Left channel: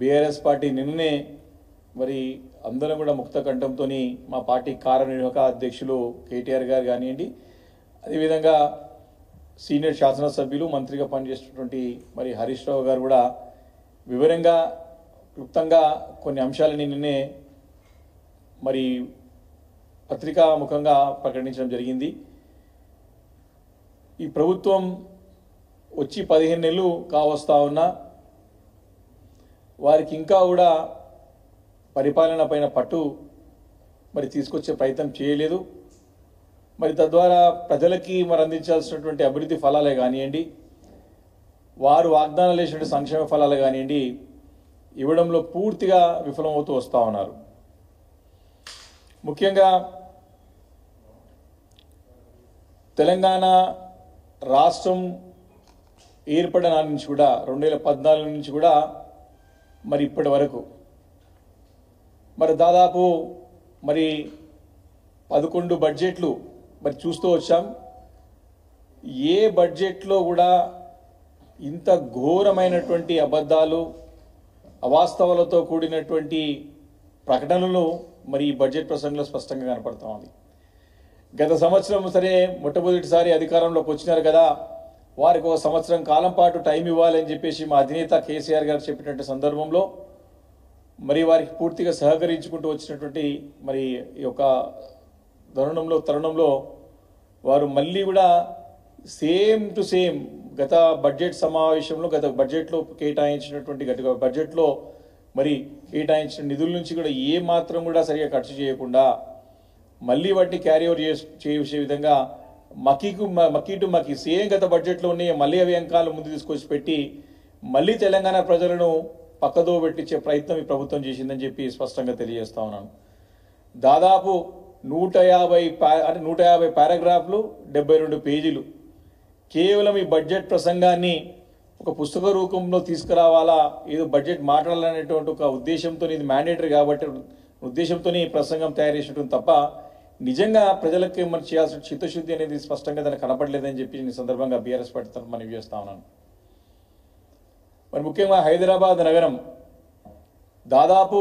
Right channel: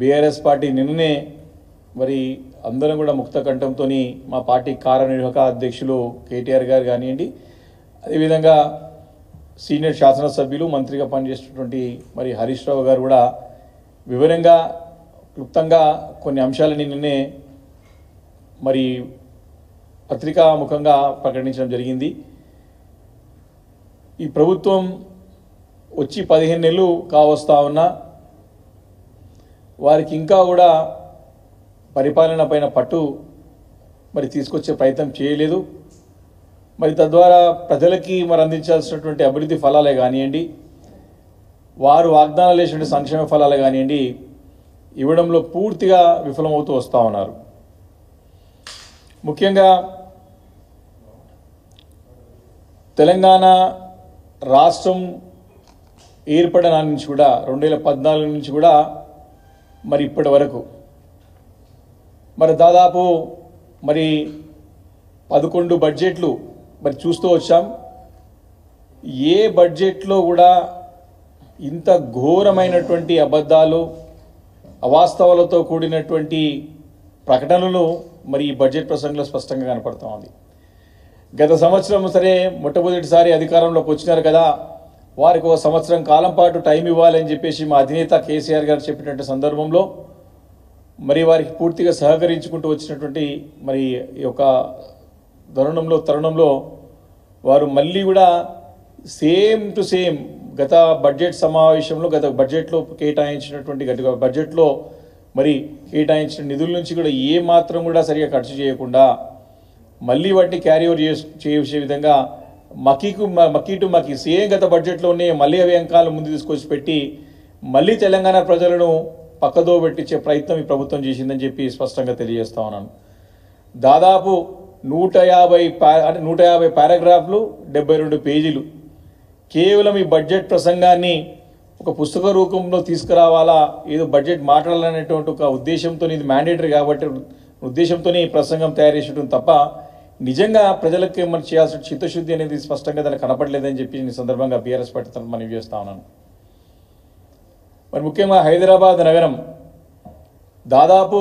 BRS party నిన్ననే మరి అందరం కూడా ముక్త కంఠంతో మా పార్టీ కార్యనిర్వాహక అధ్యక్షులు కేటీఆర్ గారు కానివ్వండి, అదేవిధంగా సీనియర్ శాసనసభ్యులు మంత్రిగా పనిచేస్తున్నటువంటి మరి హరీష్ రావు గారు కూడా వివరంగా క్లుప్తంగా కొన్ని అంశాలని నిన్నే మరి పత్రికాముఖంగా ప్రకటించడం జరిగింది. ఈ ప్రభుత్వం వచ్చి 15 నెలలు కావస్తా ఉన్నా వారికి ఇంకా కూడా పరిపాలన పైన పట్టు మరి తీసుకొచ్చే ప్రయత్నం చేయలేదు. మరి తద్వారా ప్రజలకి మరి అందించాల్సినటువంటి అభివృద్ధి ఫలాలే కానివ్వండి, వారు వాగ్దానాలు చేసిన సంక్షేమ ఫలాలే కానివ్వండి ఇవ్వడంలో పూర్తిగా విఫలమవుతూ వస్తూ ఉన్నారు. ముఖ్యంగా తెలంగాణ రాష్ట్రం ఏర్పడిన నుంచి కూడా 2014 నుంచి కూడా మరి ఇప్పటి వరకు మరి దాదాపు మరి 11 బడ్జెట్లు మరి చూస్తూ వచ్చాం. ఏ బడ్జెట్లో కూడా ఇంత ఘోరమైనటువంటి అబద్ధాలు అవాస్తవాలతో కూడినటువంటి ప్రకటనలు మరి ఈ బడ్జెట్ ప్రసంగంలో స్పష్టంగా కనపడుతూ ఉంది. గత సంవత్సరం సరే మొట్టమొదటిసారి అధికారంలోకి వచ్చినారు కదా, వారికి ఒక సంవత్సరం కాలం పాటు టైం ఇవ్వాలని చెప్పేసి మా అధినేత కేసీఆర్ గారు చెప్పినటువంటి సందర్భంలో మరి వారికి పూర్తిగా సహకరించుకుంటూ వచ్చినటువంటి మరి ఈ యొక్క తరుణంలో వారు మళ్ళీ కూడా సేమ్ టు సేమ్ గత బడ్జెట్ సమావేశంలో గత బడ్జెట్లో కేటాయించినటువంటి గత బడ్జెట్లో మరి కేటాయించిన నిధుల నుంచి కూడా ఏ మాత్రం కూడా సరిగా ఖర్చు చేయకుండా మళ్ళీ వాటిని క్యారీ ఓవర్ చేసే విధంగా మకీ టు మకీ సేమ్ గత బడ్జెట్లో ఉన్నాయి మళ్ళీ అవి అంకాలు ముందు తీసుకొచ్చి పెట్టి మళ్ళీ తెలంగాణ ప్రజలను పక్కదో పెట్టించే ప్రయత్నం ఈ ప్రభుత్వం చేసిందని చెప్పి స్పష్టంగా తెలియజేస్తా ఉన్నాను. దాదాపు 150 పారాగ్రాఫ్లు 72 పేజీలు కేవలం ఈ బడ్జెట్ ప్రసంగాన్ని ఒక పుస్తక రూపంలో తీసుకురావాలా, ఏదో బడ్జెట్ మాట్లాడాలనేటువంటి ఒక ఉద్దేశంతో ఇది మ్యాండేటరీ కాబట్టి ఉద్దేశంతో ఈ ప్రసంగం తయారు చేసడం తప్ప నిజంగా ప్రజలకు మనం చేయాల్సిన చిత్తశుద్ధి అనేది స్పష్టంగా దానికి కనపడలేదని చెప్పి ఈ సందర్భంగా బీఆర్ఎస్ పార్టీ తరఫున మనవి చేస్తా ఉన్నాను. మరి ముఖ్యంగా హైదరాబాద్ నగరం దాదాపు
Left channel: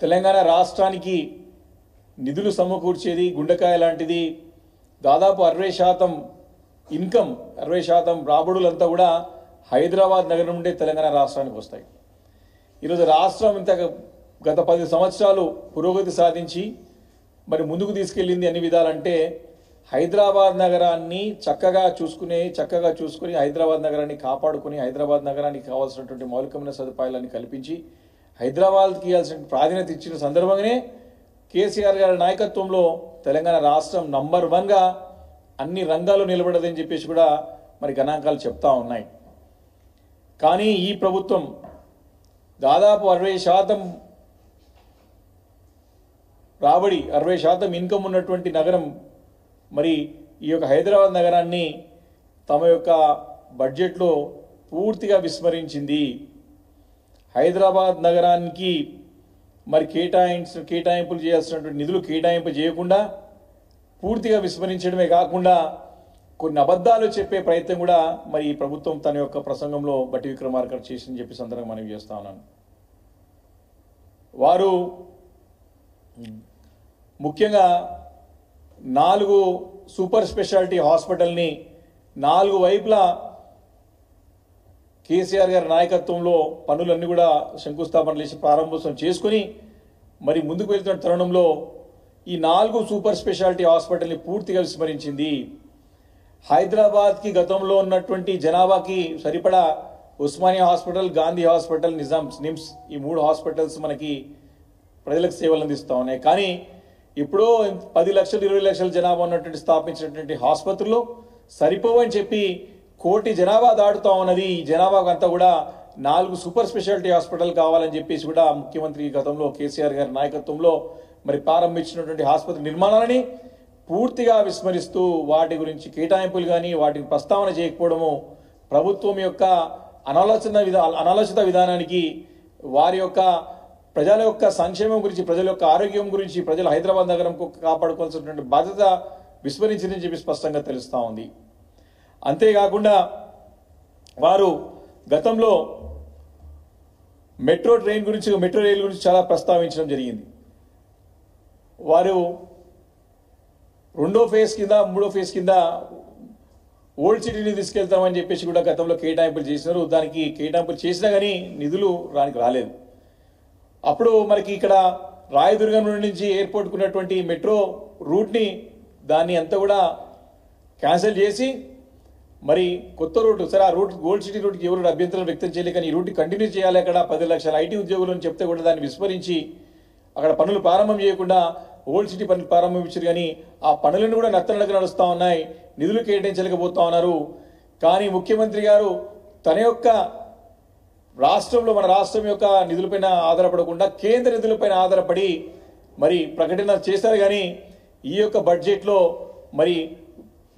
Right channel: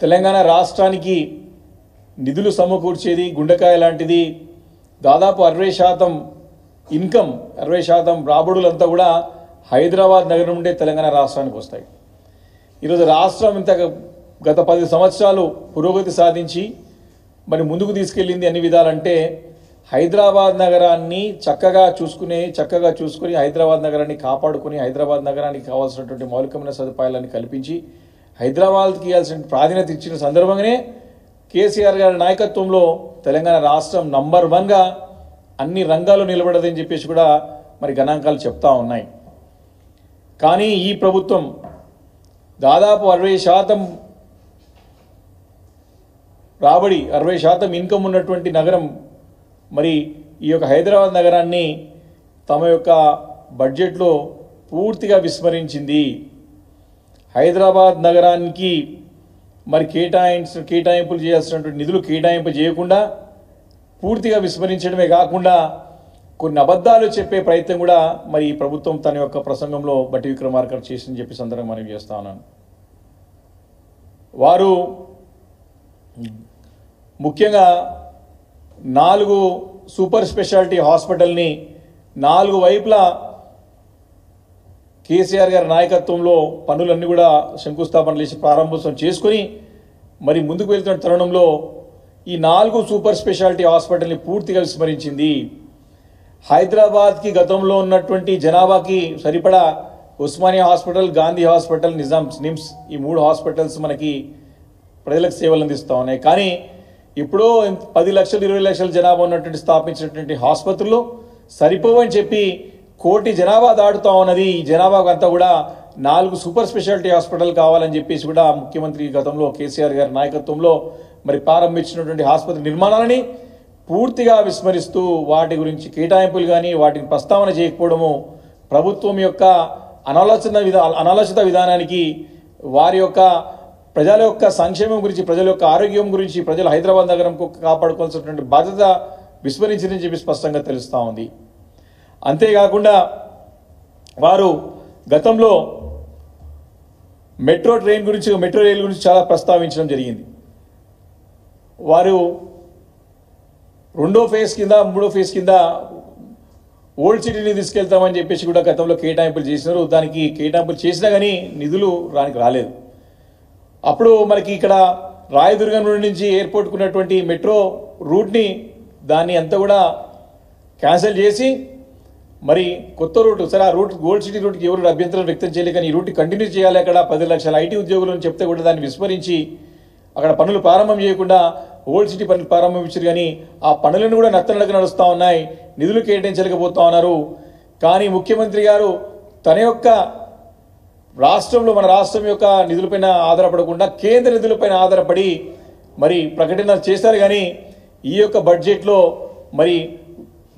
తెలంగాణ రాష్ట్రానికి నిధులు సమకూర్చేది గుండెకాయ లాంటిది. దాదాపు 60% ఇన్కమ్ 60% రాబడులంతా కూడా హైదరాబాద్ నగరం నుండే తెలంగాణ రాష్ట్రానికి వస్తాయి. ఈరోజు రాష్ట్రం ఇంత గత 10 సంవత్సరాలు పురోగతి సాధించి మరి ముందుకు తీసుకెళ్ళింది అన్ని విధాలంటే హైదరాబాద్ నగరాన్ని చక్కగా చూసుకుని హైదరాబాద్ నగరాన్ని కాపాడుకుని హైదరాబాద్ నగరానికి కావాల్సినటువంటి మౌలికమైన సదుపాయాలను కల్పించి హైదరాబాద్కి ఇవ్వాల్సిన ప్రాధాన్యత ఇచ్చిన సందర్భంగానే కేసీఆర్ గారి నాయకత్వంలో తెలంగాణ రాష్ట్రం నంబర్ 1గా అన్ని రంగాల్లో నిలబడదని చెప్పేసి కూడా మరి గణాంకాలు చెప్తా ఉన్నాయి. కానీ ఈ ప్రభుత్వం దాదాపు 60% రాబడి 60% ఇన్కమ్ ఉన్నటువంటి నగరం మరి ఈ యొక్క హైదరాబాద్ నగరాన్ని తమ యొక్క బడ్జెట్లో పూర్తిగా విస్మరించింది. హైదరాబాద్ నగరానికి మరి కేటాయింపులు చేయాల్సినటువంటి నిధులు కేటాయింపు చేయకుండా పూర్తిగా విస్మరించడమే కాకుండా కొన్ని అబద్ధాలు చెప్పే ప్రయత్నం కూడా మరి ఈ ప్రభుత్వం తన యొక్క ప్రసంగంలో బట్టి విక్రమార్క చేసిందని చెప్పి సందర్భంగా మనం చేస్తా ఉన్నాను. వారు ముఖ్యంగా 4 సూపర్ స్పెషాలిటీ హాస్పిటల్ని 4 వైపులా కేసీఆర్ గారి నాయకత్వంలో పనులన్నీ కూడా శంకుస్థాపనలు చేసి ప్రారంభోత్సవం చేసుకుని మరి ముందుకు వెళ్తున్న తరుణంలో ఈ 4 సూపర్ స్పెషాలిటీ హాస్పిటల్ని పూర్తిగా విస్మరించింది. హైదరాబాద్కి గతంలో ఉన్నటువంటి జనాభాకి సరిపడా ఉస్మానియా హాస్పిటల్, గాంధీ హాస్పిటల్, నిమ్స్ ఈ 3 హాస్పిటల్స్ మనకి ప్రజలకు సేవలు అందిస్తూ ఉన్నాయి. కానీ ఇప్పుడు 10 లక్షలు 20 లక్షల జనాభా ఉన్నటువంటి స్థాపించినటువంటి ఆసుపత్రులు సరిపోవని చెప్పి 1 కోటి జనాభా దాటుతా ఉన్నది. ఈ జనాభాకు అంతా కూడా 4 సూపర్ స్పెషాలిటీ హాస్పిటల్ కావాలని చెప్పేసి కూడా ముఖ్యమంత్రి గతంలో కేసీఆర్ గారి నాయకత్వంలో మరి ప్రారంభించినటువంటి ఆసుపత్రి నిర్మాణాలని పూర్తిగా విస్మరిస్తూ వాటి గురించి కేటాయింపులు కానీ వాటిని ప్రస్తావన చేయకపోవడము ప్రభుత్వం యొక్క అనాలోచిత విధానానికి వారి యొక్క ప్రజల యొక్క సంక్షేమం గురించి ప్రజల యొక్క ఆరోగ్యం గురించి ప్రజలు హైదరాబాద్ నగరం కాపాడుకోవాల్సినటువంటి బాధ్యత విస్మరించిందని చెప్పి స్పష్టంగా తెలుస్తూ ఉంది. అంతేకాకుండా వారు గతంలో మెట్రో రైల్ గురించి చాలా ప్రస్తావించడం జరిగింది. వారు రెండో ఫేజ్ కింద మూడో ఫేజ్ కింద ఓల్డ్ సిటీని తీసుకెళ్తామని చెప్పేసి కూడా గతంలో కేటాయింపులు చేసినారు. దానికి కేటాయింపులు చేసినా కానీ నిధులు రాలేదు. అప్పుడు మనకి ఇక్కడ రాయదుర్గం నుంచి ఎయిర్పోర్ట్కు ఉన్నటువంటి మెట్రో రూట్ని దాన్ని అంతా కూడా క్యాన్సిల్ చేసి మరి కొత్త రూట్ సరే ఆ రూట్ గోల్డ్ సిటీ రూట్కి ఎవరు అభ్యంతరం వ్యక్తం చేయలేదు. కానీ ఈ రూట్ కంటిన్యూ చేయాలి, అక్కడ 10 లక్షల ఐటీ ఉద్యోగులు అని చెప్తే కూడా దాన్ని విస్మరించి అక్కడ పనులు ప్రారంభం చేయకుండా ఓల్డ్ సిటీ పనులు ప్రారంభించారు. కానీ ఆ పనులను కూడా నత్తనడక నడుస్తూ ఉన్నాయి, నిధులు కేటాయించలేకపోతా ఉన్నారు. కానీ ముఖ్యమంత్రి గారు తన యొక్క మన రాష్ట్రం యొక్క నిధులపైన ఆధారపడకుండా కేంద్ర నిధులపైన ఆధారపడి మరి ప్రకటన చేశారు. కానీ ఈ యొక్క బడ్జెట్లో మరి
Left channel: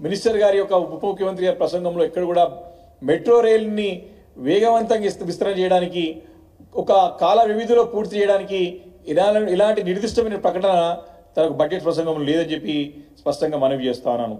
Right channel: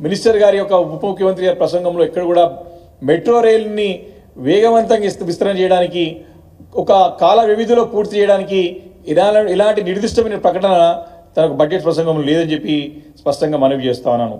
మినిస్టర్ గారి యొక్క ఉప ముఖ్యమంత్రి గారి ప్రసంగంలో ఎక్కడ కూడా మెట్రో రైలుని వేగవంతంగా విస్తరణ చేయడానికి, ఒక కాల వ్యవధిలో పూర్తి చేయడానికి ఇలాంటి నిర్దిష్టమైన ప్రకటన తనకు బడ్జెట్ ప్రసంగంలో లేదని చెప్పి స్పష్టంగా మనవి చేస్తా ఉన్నాను.